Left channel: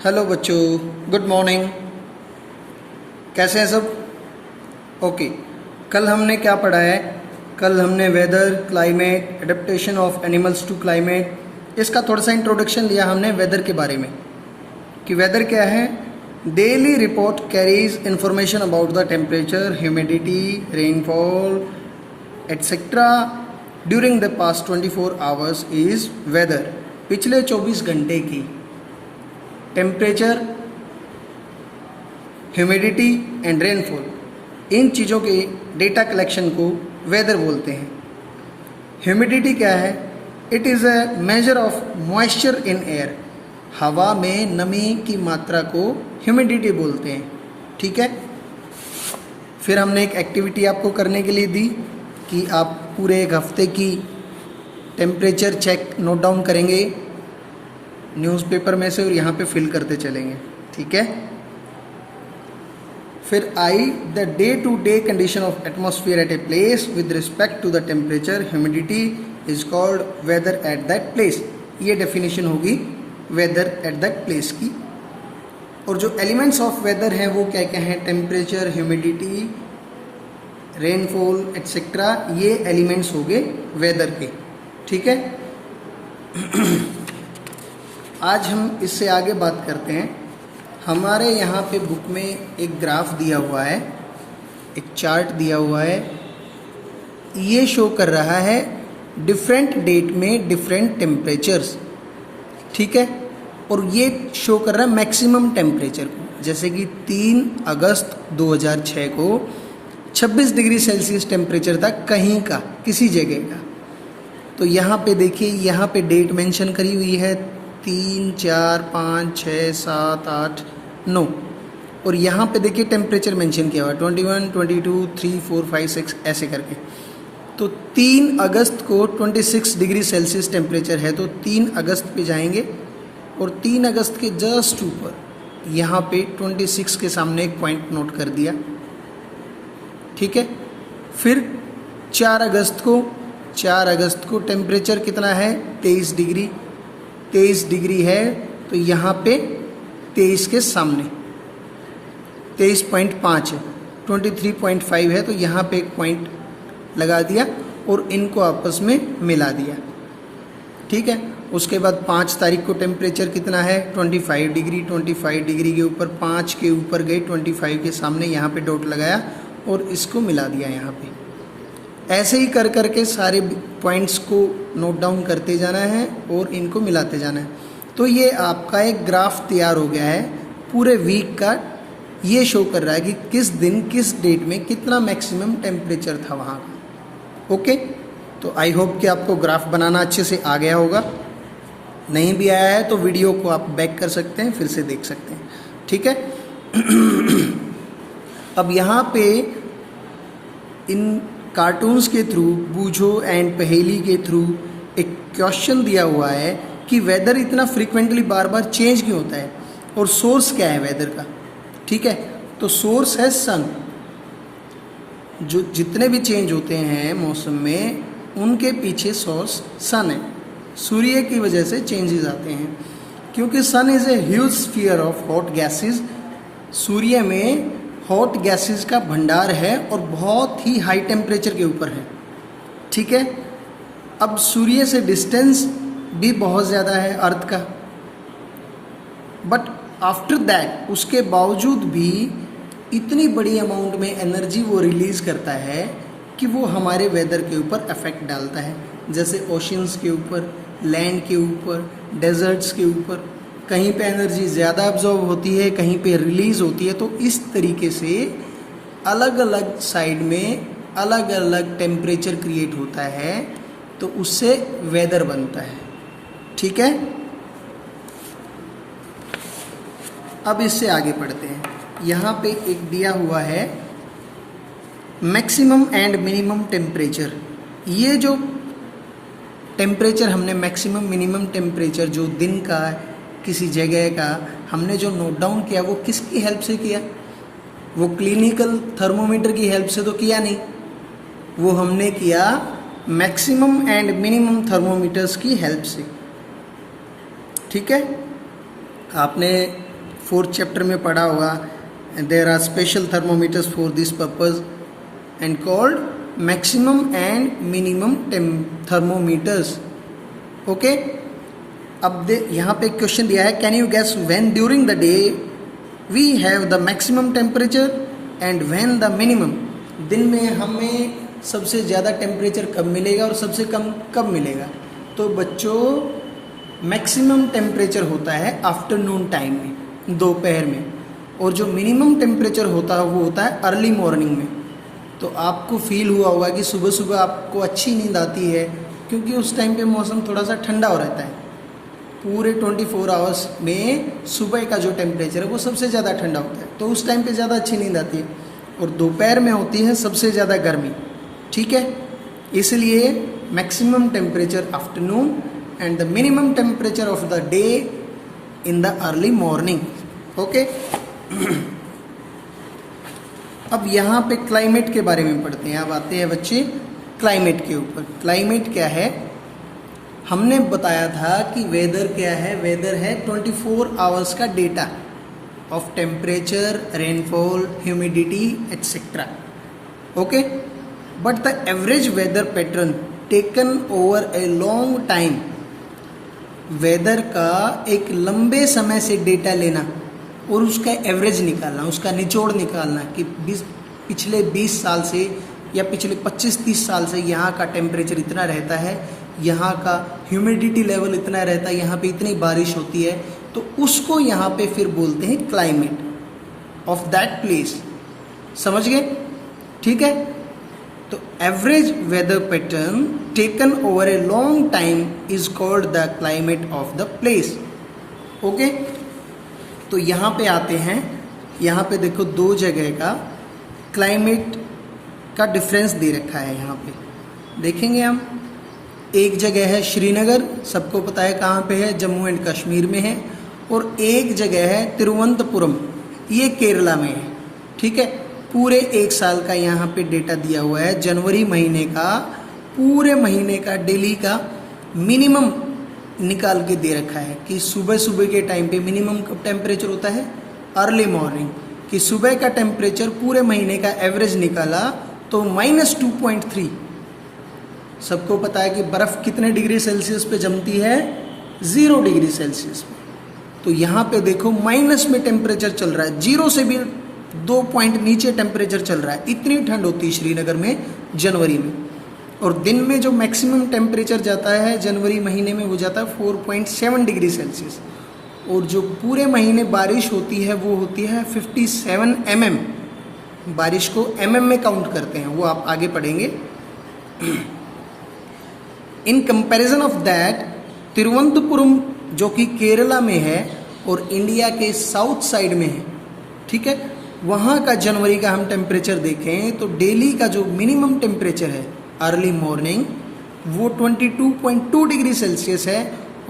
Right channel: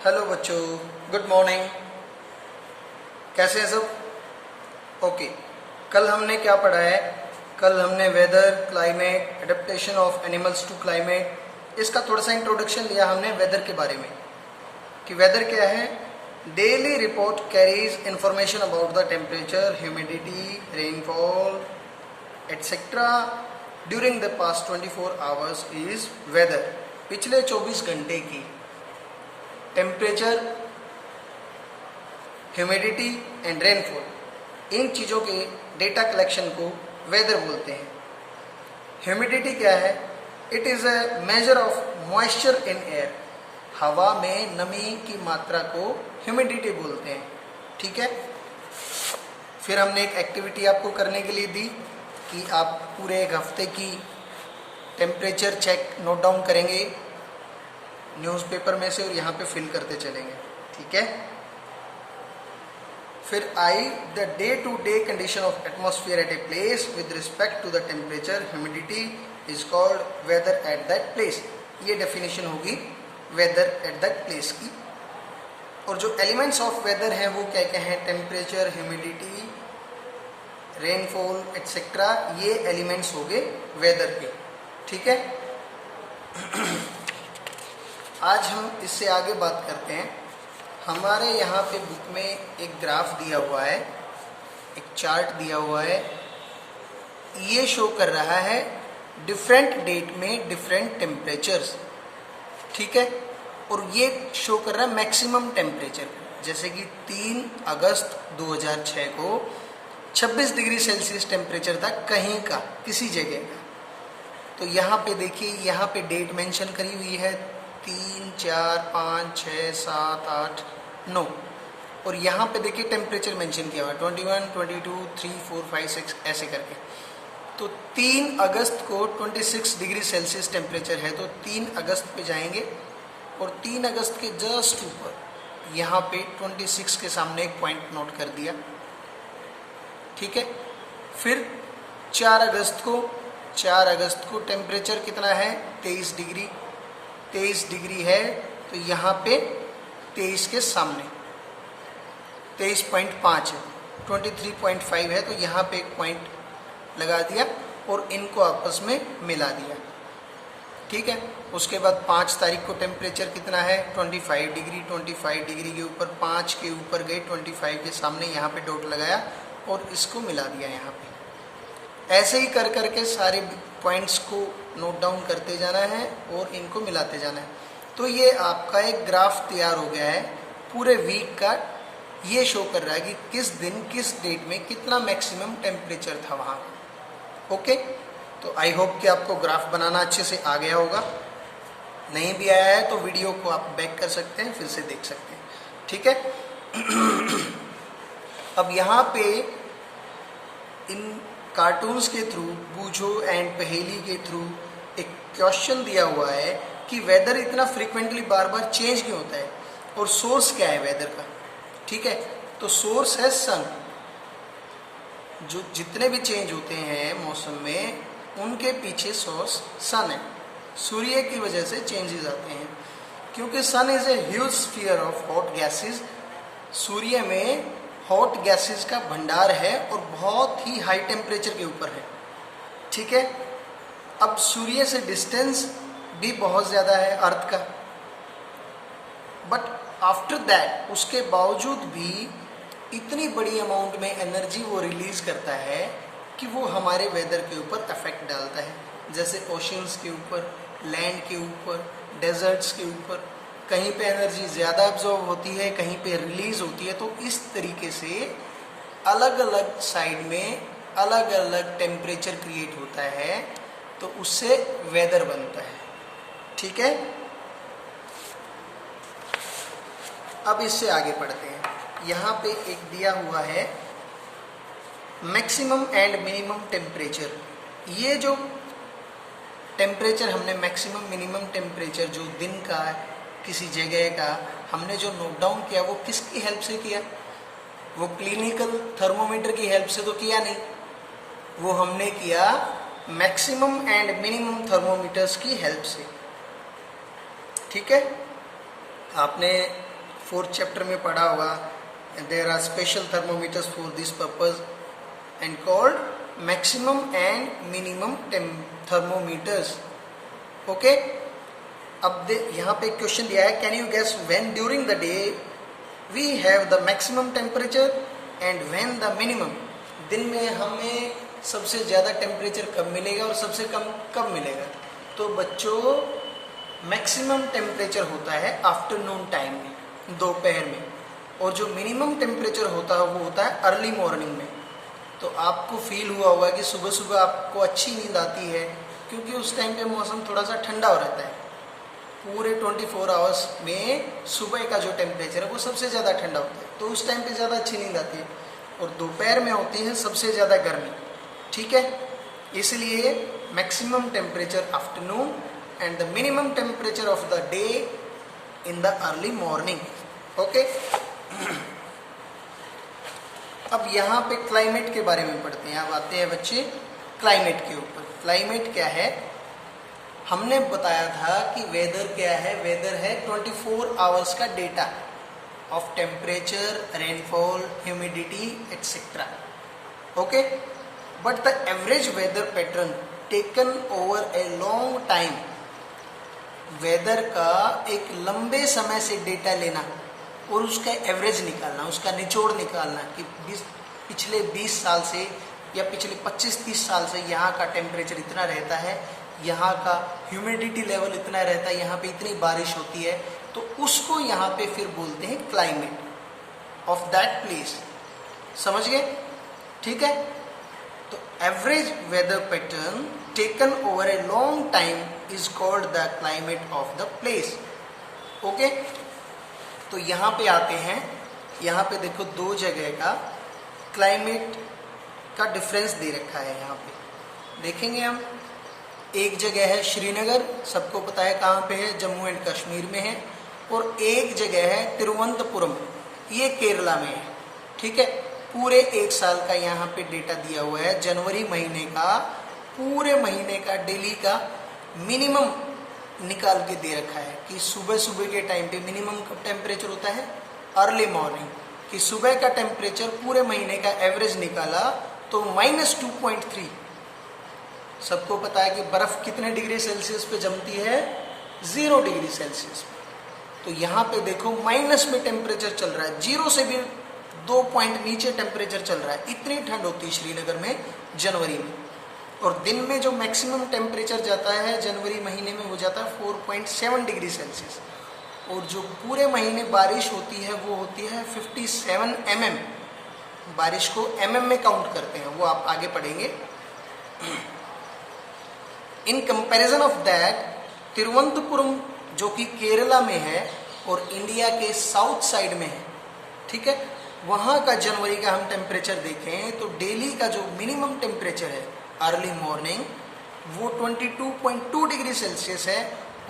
Hello बच्चों, good morning. कैसे हैं सब? ओके। कल हमने क्या पढ़ा है? कल हमने weather, climate, adaptation of animals to climate, इसका थोड़ा सा इंट्रोडक्शन लिया हमने वेदर के बारे में कि वेदर क्या है। Daily report carries information about the temperature, humidity, rainfall etcetera during the past 24 hours is whether. पिछले 24 घंटे की टेम्परेचर, ह्यूमिडिटी एंड रेनफॉल, इन चीज़ों के डेटा कलेक्शन को वेदर बोलते हैं। ह्यूमिडिटी क्या है? It is a measure of moisture in air. हवा में नमी की मात्रा को ह्यूमिडिटी बोलते हैं। ठीक है। फिर हमने एक एक्टिविटी आपको करने के लिए दी कि आप पूरे एक हफ्ते की टेम्परेचर चेक नोट डाउन करेंगे न्यूज़पेपर में से और यहाँ पे फिल करते चलेंगे। ठीक है। फिर I the day to day condition of atmosphere at a place with respect to the temperature, humidity is called weather at that place. ये डेफिनेशन होगी वेदर एट दैट प्लेस की। और जो एलिमेंट्स ऑफ वेदर हैं वो क्या क्या हैं? टेम्परेचर, ह्यूमिडिटी, रेनफॉल एटसेट्रा, ये एलिमेंट्स हो गए वेदर के। ठीक है। आज हम इससे आगे बात करते हैं। हमारे यहाँ पे बुक में एक ग्राफ दिया हुआ है, एक चार्ट दिया हुआ है। ये शो कर रहा है डिफरेंट डेट में डिफरेंट टेम्परेचर्स। ठीक है। और ये शो कर रहा है मैक्सिमम टेम्परेचर को। जैसे कि 3 अगस्त 2006 को 26 डिग्री सेल्सियस टेम्परेचर था कहीं का, किसी जगह का। तो यहाँ पे देखिए, यहाँ पे डेट मेंशन करी हुई है 3, 4, 5, 6, 7, 8, 9। और यहाँ पे देखिए टेम्परेचर मेंशन किया हुआ 21, 22, 3, 4, 5, 6 ऐसे करके। तो 3 अगस्त को 26 डिग्री सेल्सियस टेम्परेचर है, तो 3 अगस्त पे जाएंगे और 3 अगस्त के जस्ट ऊपर यहाँ पे 26 के सामने एक पॉइंट नोट कर दिया। ठीक है। फिर 4 अगस्त को टेम्परेचर कितना है? 23 डिग्री। 23 डिग्री है तो यहाँ पे 23 के सामने 23.5 है, 23.5 है, तो यहाँ पे एक पॉइंट लगा दिया और इनको आपस में मिला दिया। ठीक है। उसके बाद 5 तारीख को टेम्परेचर कितना है? 25 डिग्री। 25 डिग्री के ऊपर 5 के ऊपर गए, 25 के सामने यहाँ पे डॉट लगाया और इसको मिला दिया यहाँ पे। ऐसे ही कर करके सारे पॉइंट्स को नोट डाउन करते जाना है और इनको मिलाते जाना है। तो ये आपका एक ग्राफ तैयार हो गया है पूरे वीक का। ये शो कर रहा है कि किस दिन किस डेट में कितना मैक्सिमम टेम्परेचर था वहाँ का। ओके। तो आई होप कि आपको ग्राफ बनाना अच्छे से आ गया होगा। नहीं भी आया है तो वीडियो को आप बैक कर सकते हैं, फिर से देख सकते हैं। ठीक है। अब यहाँ पे इन कार्टून्स के थ्रू, बूझो एंड पहेली के थ्रू एक क्वेश्चन दिया हुआ है कि वेदर इतना फ्रीक्वेंटली बार बार चेंज क्यों होता है और सोर्स क्या है वेदर का। ठीक है। तो सोर्स है सन। जो जितने भी चेंज होते हैं मौसम में, उनके पीछे सोर्स सन है। सूर्य की वजह से चेंजेस आते हैं क्योंकि sun is a huge sphere of hot gases. सूर्य में हॉट गैसेस का भंडार है और बहुत ही हाई टेम्परेचर के ऊपर है। ठीक है। अब सूर्य से डिस्टेंस भी बहुत ज़्यादा है अर्थ का, बट आफ्टर दैट, उसके बावजूद भी इतनी बड़ी अमाउंट में एनर्जी वो रिलीज करता है कि वो हमारे वेदर के ऊपर इफेक्ट डालता है। जैसे ओशंस के ऊपर, लैंड के ऊपर, डेजर्ट्स के ऊपर, कहीं पे एनर्जी ज़्यादा अब्जॉर्व होती है, कहीं पे रिलीज होती है। तो इस तरीके से अलग अलग साइड में अलग अलग टेम्परेचर क्रिएट होता है, तो उससे वेदर बनता है। ठीक है। अब इससे आगे बढ़ते हैं। यहाँ पे एक दिया हुआ है मैक्सिमम एंड मिनिमम टेम्परेचर। ये जो टेम्परेचर हमने मैक्सिमम मिनिमम टेम्परेचर जो दिन का, किसी जगह का हमने जो नोट डाउन किया, वो किसकी हेल्प से किया? वो क्लिनिकल थर्मोमीटर की हेल्प से तो किया नहीं। वो हमने किया मैक्सिमम एंड मिनिमम थर्मोमीटर्स की हेल्प से। ठीक है। आपने 4th चैप्टर में पढ़ा होगा, there are special thermometers for this purpose and called maximum and minimum thermometers. Okay, अब यहाँ पे क्वेश्चन दिया है, can you guess when during the day we have the maximum temperature and when the minimum. दिन में हमें सबसे ज़्यादा टेम्परेचर कब मिलेगा और सबसे कम कब मिलेगा? तो बच्चों मैक्सिमम टेम्परेचर होता है आफ्टरनून टाइम में, दोपहर में, और जो मिनिमम टेम्परेचर होता है वो होता है अर्ली मॉर्निंग में। तो आपको फील हुआ होगा कि सुबह सुबह आपको अच्छी नींद आती है, क्योंकि उस टाइम पे मौसम थोड़ा सा ठंडा हो रहता है। पूरे 24 आवर्स में सुबह का जो टेम्परेचर है वो सबसे ज़्यादा ठंडा होता है, तो उस टाइम पे ज़्यादा अच्छी नींद आती है। और दोपहर में होती है सबसे ज़्यादा गर्मी, ठीक है। इसलिए maximum temperature afternoon and the minimum temperature of the day in the early morning. Okay, अब यहाँ पे क्लाइमेट के बारे में पढ़ते हैं। अब आते हैं बच्चे क्लाइमेट के ऊपर। क्लाइमेट क्या है? हमने बताया था कि वेदर क्या है। वेदर है 24 आवर्स का data of temperature, rainfall, humidity etcetera. Okay, but the average weather pattern taken over a long time, weather का एक लंबे समय से डेटा लेना और उसका एवरेज निकालना, उसका निचोड़ निकालना कि पिछले 20 साल से या पिछले 25-30 साल से यहाँ का टेम्परेचर इतना रहता है, यहाँ का ह्यूमिडिटी लेवल इतना रहता है, यहाँ पे इतनी बारिश होती है, तो उसको यहाँ पे फिर बोलते हैं क्लाइमेट ऑफ दैट प्लेस। समझ गए? ठीक है। तो average weather pattern taken over a long time is called the climate of the place. Okay, तो यहाँ पे आते हैं। यहाँ पे देखो दो जगह का क्लाइमेट का डिफरेंस दे रखा है। यहाँ पे देखेंगे हम, एक जगह है श्रीनगर, सबको पता है कहाँ पे है, जम्मू एंड कश्मीर में है, और एक जगह है तिरुवनंतपुरम, ये केरला में है। ठीक है, पूरे एक साल का यहाँ पे डेटा दिया हुआ है। जनवरी महीने का, पूरे महीने का डेली का मिनिमम निकाल के दे रखा है कि सुबह सुबह के टाइम पे मिनिमम टेम्परेचर होता है अर्ली मॉर्निंग, कि सुबह का टेम्परेचर पूरे महीने का एवरेज निकाला तो -2.3। सबको पता है कि बर्फ कितने डिग्री सेल्सियस पे जमती है? 0 डिग्री सेल्सियस पे। तो यहाँ पे देखो माइनस में टेम्परेचर चल रहा है, 0 से भी 2 पॉइंट नीचे टेम्परेचर चल रहा है। इतनी ठंड होती है श्रीनगर में जनवरी में। और दिन में जो मैक्सिमम टेम्परेचर जाता है जनवरी महीने में, वो जाता है 4.7 डिग्री सेल्सियस। और जो पूरे महीने बारिश होती है वो होती है 57 mm। बारिश को mm में काउंट करते हैं, वो आप आगे पढ़ेंगे। In comparison of that, Thiruvananthapuram जो कि केरला में है और इंडिया के साउथ साइड में है, ठीक है, वहाँ का जनवरी का हम टेम्परेचर देखें तो डेली का जो मिनिमम टेम्परेचर है अर्ली मॉर्निंग वो 22.2 डिग्री सेल्सियस है,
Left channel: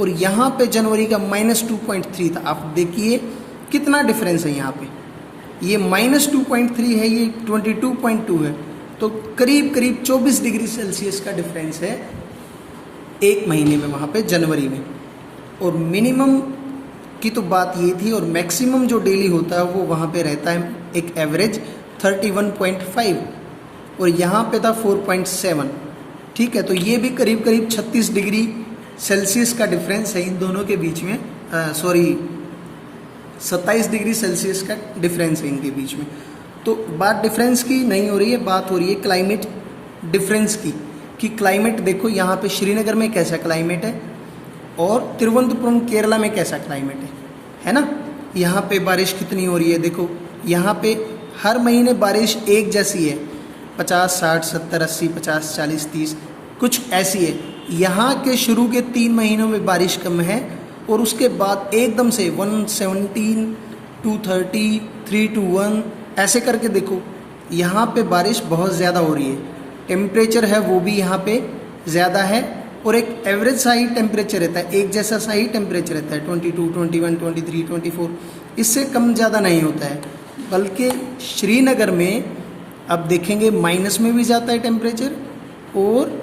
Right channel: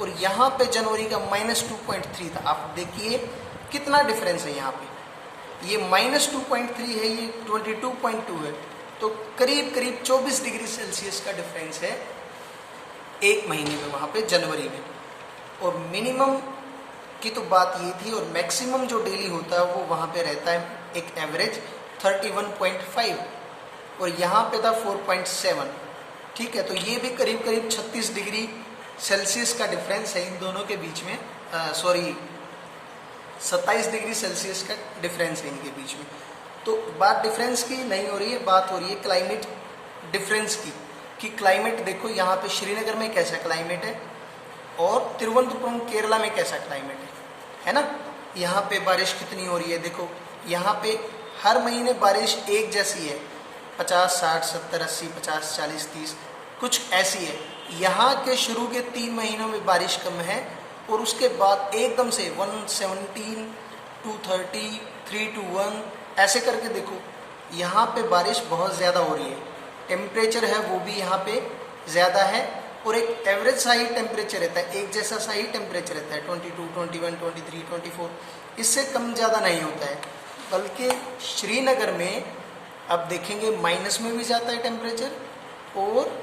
और यहाँ पे जनवरी का -2.3 था। आप देखिए कितना डिफरेंस है यहाँ पे, ये -2.3 है, ये 22.2 है, तो करीब करीब 24 डिग्री सेल्सियस का डिफरेंस है एक महीने में वहाँ पे जनवरी में। और मिनिमम की तो बात ये थी, और मैक्सिमम जो डेली होता है वो वहाँ पे रहता है एक एवरेज 31.5, और यहाँ पे था 4.7। ठीक है, तो ये भी करीब करीब 36 डिग्री सेल्सियस का डिफरेंस है इन दोनों के बीच में। 27 डिग्री सेल्सियस का डिफरेंस है इनके बीच में। तो बात डिफरेंस की नहीं हो रही है, बात हो रही है क्लाइमेट डिफरेंस की, कि क्लाइमेट देखो यहाँ पे श्रीनगर में कैसा क्लाइमेट है और तिरुवनंतपुरम केरला में कैसा क्लाइमेट है ना। यहाँ पे बारिश कितनी हो रही है, देखो यहाँ पे हर महीने बारिश एक जैसी है, 50, 60, 70, 80, 50, 40, 30 कुछ ऐसी है। यहाँ के शुरू के 3 महीनों में बारिश कम है, और उसके बाद एकदम से 117, 230, 321 ऐसे करके देखो यहाँ पे बारिश बहुत ज़्यादा हो रही है। टेम्परेचर है वो भी यहाँ पे ज़्यादा है, और एक एवरेज सा ही टेम्परेचर रहता है, एक जैसा सा ही टेम्परेचर रहता है, 22, 21, 23, 24, इससे कम ज़्यादा नहीं होता है। बल्कि श्रीनगर में अब देखेंगे माइनस में भी जाता है टेम्परेचर, और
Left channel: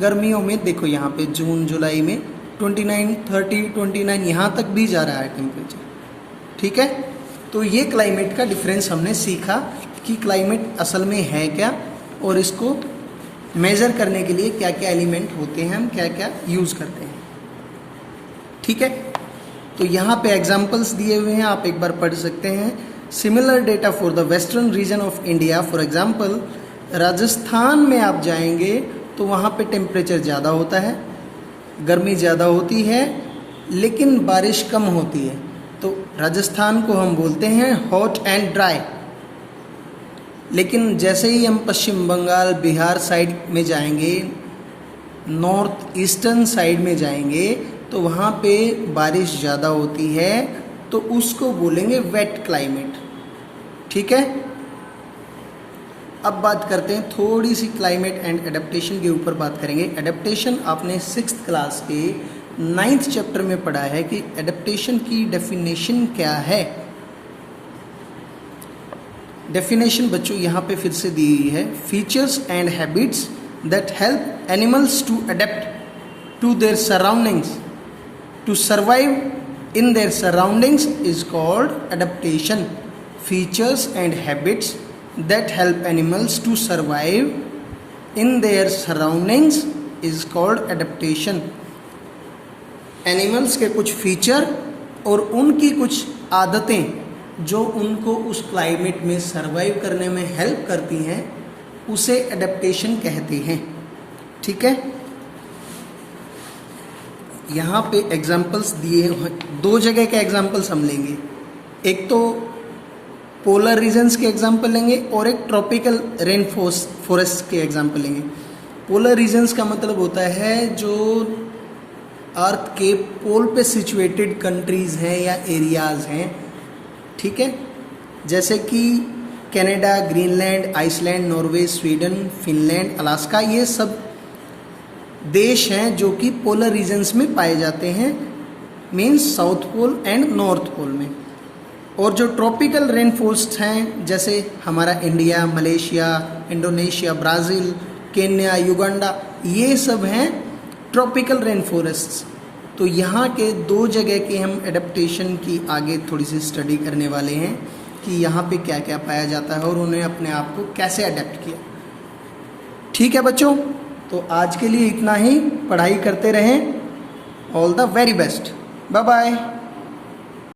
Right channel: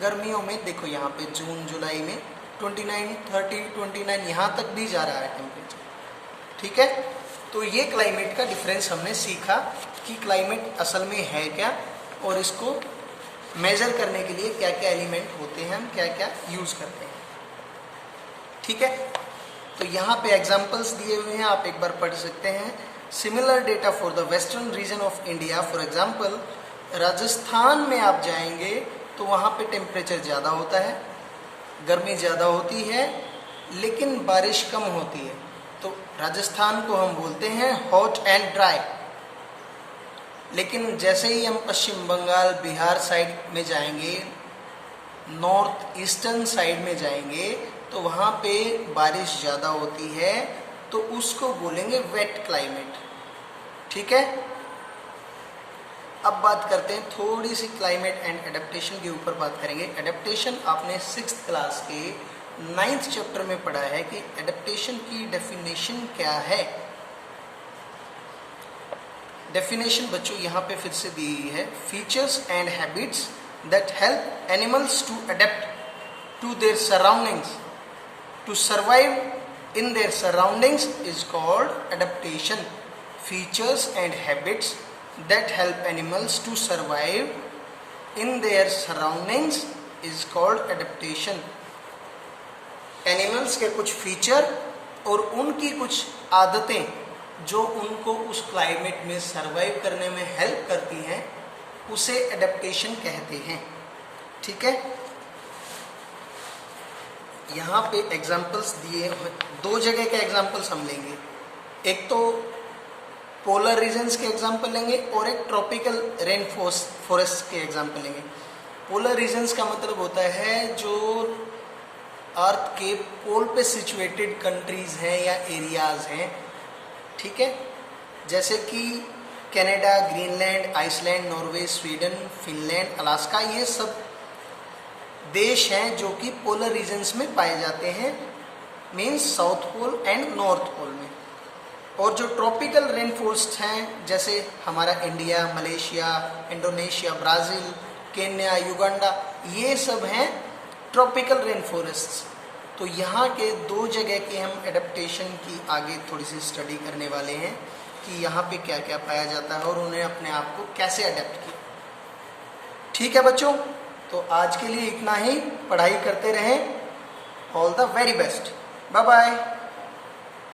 गर्मियों में देखो यहाँ पे जून जुलाई में 29, 30, 29 यहाँ तक भी जा रहा है टेम्परेचर। ठीक है, तो ये क्लाइमेट का डिफरेंस हमने सीखा कि क्लाइमेट असल में है क्या और इसको मेजर करने के लिए क्या क्या एलिमेंट होते हैं, हम क्या क्या यूज करते हैं। ठीक है, तो यहाँ पे एग्जांपल्स दिए हुए हैं, आप एक बार पढ़ सकते हैं। Similar data for the western region of India, for example Rajasthan में आप जाएंगे तो वहाँ पे टेम्परेचर ज़्यादा होता है, गर्मी ज़्यादा होती है, लेकिन बारिश कम होती है। तो राजस्थान को हम बोलते हैं हॉट एंड ड्राई। लेकिन जैसे ही हम पश्चिम बंगाल, बिहार साइड में जाएंगे, नॉर्थ ईस्टर्न साइड में जाएंगे तो वहाँ पे बारिश ज़्यादा होती है, तो उसको बोलेंगे वेट क्लाइमेट। ठीक है, अब बात करते हैं थोड़ी सी क्लाइमेट एंड एडेप्टेशन के ऊपर बात करेंगे। एडेप्टेशन आपने 6th क्लास के 9th चैप्टर में पढ़ा है कि एडेप्टेशन की डेफिनेशन क्या है। डेफिनेशन बच्चों यहाँ पे फिर से दी हुई है, features and habits that help animals to adapt to their surroundings to survive in their surroundings is called adaptation. Features and habits that help animals to survive in their surroundings is called adaptation. Animals के कुछ feature और उनकी कुछ आदतें जो उनको उस climate में सरवाइव करने में हेल्प करती हैं, उसे एडेप्टेशन कहते हैं। ठीक है, यहाँ पे एग्जाम्पल्स दिए, 2 जगह के एग्जाम्पल्स हम लेंगे। एक तो पोलर रीजन्स के एग्जाम्पल लेंगे और एक ट्रॉपिकल रेन फॉरेस्ट के एग्जाम्पल लेंगे। पोलर रीजन्स का मतलब होता है जो अर्थ के पोल पे सिचुएटेड कंट्रीज हैं या एरियाज हैं। ठीक है, जैसे कि Canada, Greenland, Iceland, Norway, Sweden, Finland, Alaska, ये सब देश हैं जो कि पोलर रीजन्स में पाए जाते हैं, means south pole and north pole में। और जो ट्रॉपिकल रेन फॉरेस्ट हैं, जैसे हमारा India, Malaysia, Indonesia, Brazil, Kenya, Uganda, ये सब हैं ट्रॉपिकल रेन फॉरेस्ट्स। तो यहाँ के 2 जगह के हम एडेप्टेशन की आगे थोड़ी सी स्टडी करने वाले हैं कि यहाँ पे क्या क्या पाया जाता है और उन्हें अपने आप को कैसे अडेप्ट किया। ठीक है बच्चों, तो आज के लिए इतना ही। पढ़ाई करते रहें। All the very best. Bye bye.